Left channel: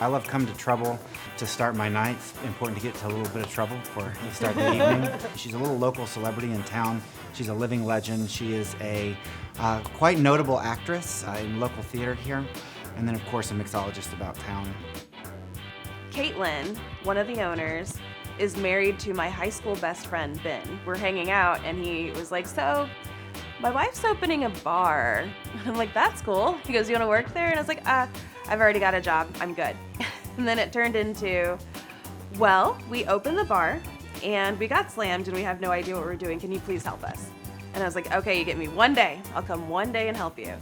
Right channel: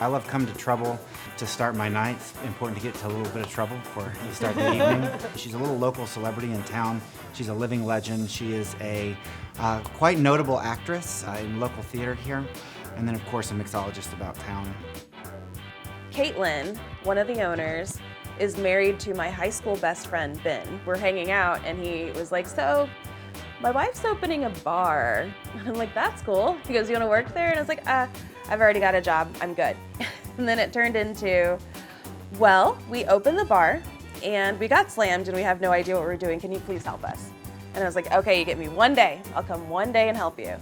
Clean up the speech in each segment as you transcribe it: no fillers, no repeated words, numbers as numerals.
I love coming to Trouble to start my night. It's important to get to a little bit of trouble before you start the evening. She's a little local celebrity in town. She's a living legend. She is a quite notable actress in local theater here. And then, of course, a mixologist about town. Caitlin, one of the owners, is married to my high school best friend, Ben. We're hanging out, and he was like, so, my wife's opening a bar. I'm like, that's cool. He goes, you want to work there? And I was like, I've already got a job. I'm good. And then it turned into, well, we opened the bar, and we got slammed, and we have no idea what we're doing. Can you please help us? And I was like, okay, you get me one day. I'll come one day and help you.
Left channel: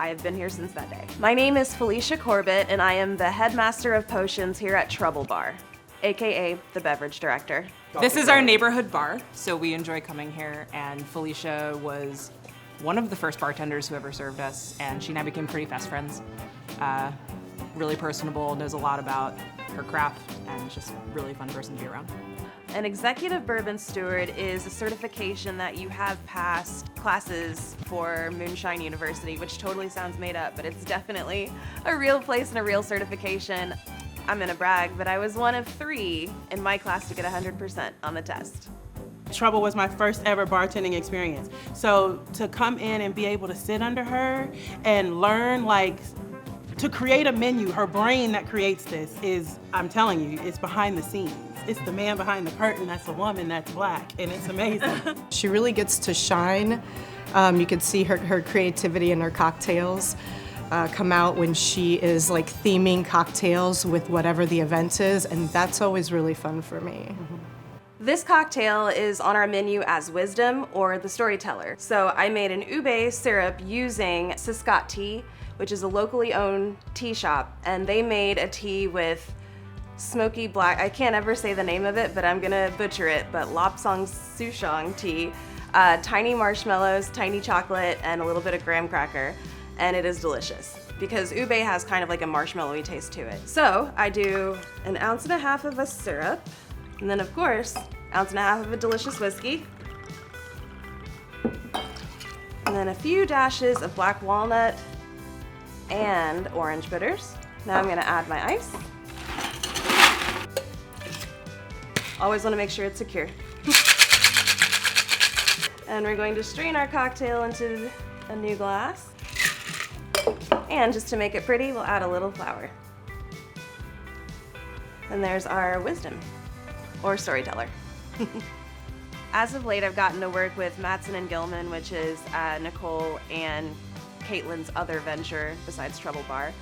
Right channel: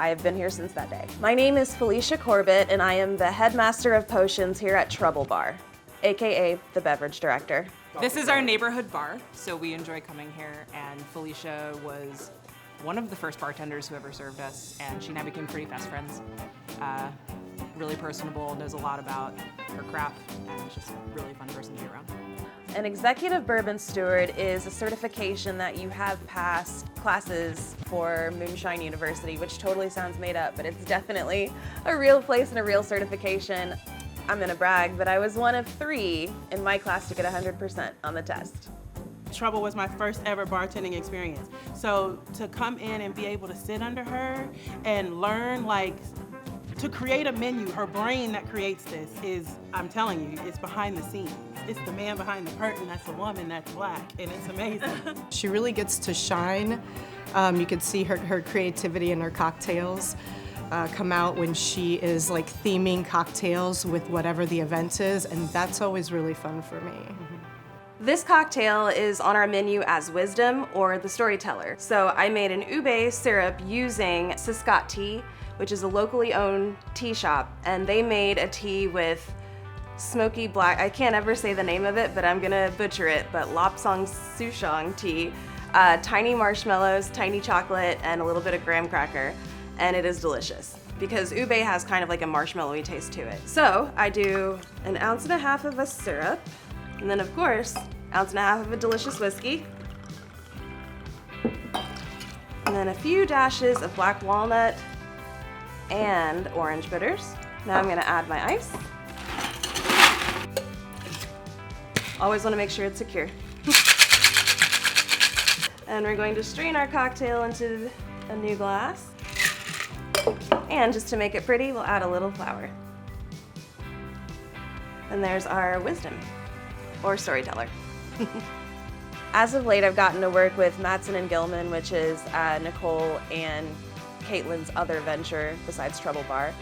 I have been here since that day. My name is Felicia Corbett, and I am the Headmaster of Potions here at Trouble Bar, AKA the beverage director. This is our neighborhood bar, so we enjoy coming here, and Felicia was one of the first bartenders who ever served us, and she and I became pretty fast friends. Really personable, knows a lot about her craft, and is just a really fun person to be around. An executive bourbon steward is a certification that you have passed classes for Moonshine University, which totally sounds made up, but it's definitely a real place and a real certification. I'm gonna brag, but I was one of 3 in my class to get 100% on the test. Trouble was my first ever bartending experience. So to come in and be able to sit under her and learn, like, to create a menu, her brain that creates this is, I'm telling you, it's behind the scenes. It's the man behind the curtain that's a woman that's black, and it's amazing. She really gets to shine. You can see her creativity in her cocktails come out when she is like theming cocktails with whatever the event is, and that's always really fun for me. This cocktail is on our menu as Wisdom or the Storyteller. So I made an ube syrup using Siscott Tea, which is a locally owned tea shop, and they made a tea with smoky black, I can't ever say the name of it, but I'm gonna butcher it, but Lapsang Souchong tea, tiny marshmallows, tiny chocolate, and a little bit of graham cracker, and it is delicious because ube has kind of like a marshmallowy taste to it. So I do 1.5 ounces of a syrup, and then of course, 1.5 ounces of a delicious whiskey, and then a few dashes of black walnut and orange bitters. Now I'm gonna add my ice. Always wanna make sure it's secure. And we're going to strain our cocktail into a new glass. And just to make it pretty, we'll add a little flour. And there's our Wisdom, or Storyteller. As of late, I've gotten to work with Mattson and Gilman, which is Nicole and Caitlin's other venture besides Trouble Bar.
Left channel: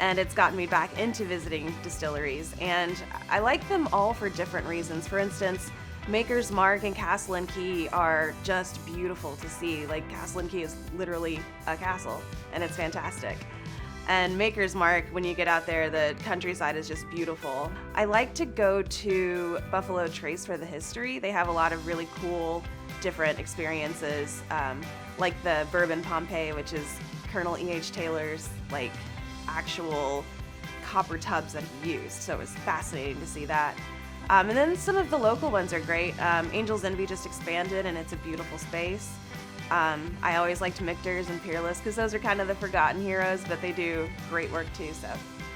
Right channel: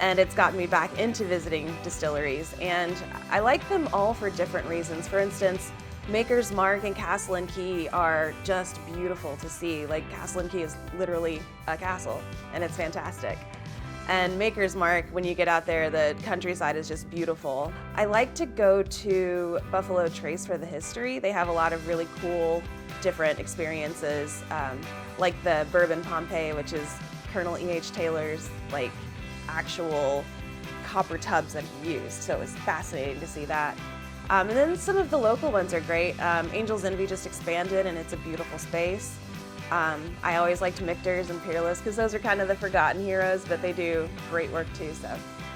And it's gotten me back into visiting distilleries. And I like them all for different reasons. For instance, Maker's Mark and Castle and Key are just beautiful to see. Like, Castle and Key is literally a castle, and it's fantastic. And Maker's Mark, when you get out there, the countryside is just beautiful. I like to go to Buffalo Trace for the history. They have a lot of really cool, different experiences, like the Bourbon Pompeii, which is Colonel E.H. Taylor's, like, actual copper tubs that he used. So it was fascinating to see that. And then some of the local ones are great. Angel's Envy just expanded, and it's a beautiful space. I always liked Michter's and Peerless because those are kind of the forgotten heroes, but they do great work too, so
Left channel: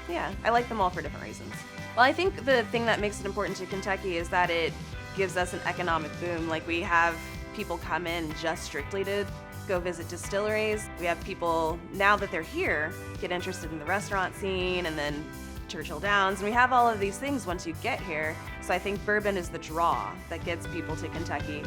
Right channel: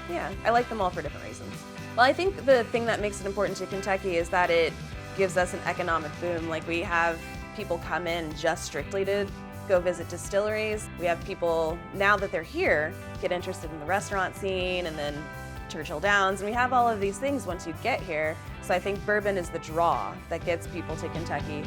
yeah, I like them all for different reasons. Well, I think the thing that makes it important to Kentucky is that it gives us an economic boom. Like, we have people come in just strictly to go visit distilleries. We have people, now that they're here, get interested in the restaurant scene and then Churchill Downs, and we have all of these things once you get here. So I think bourbon is the draw that gets people to Kentucky.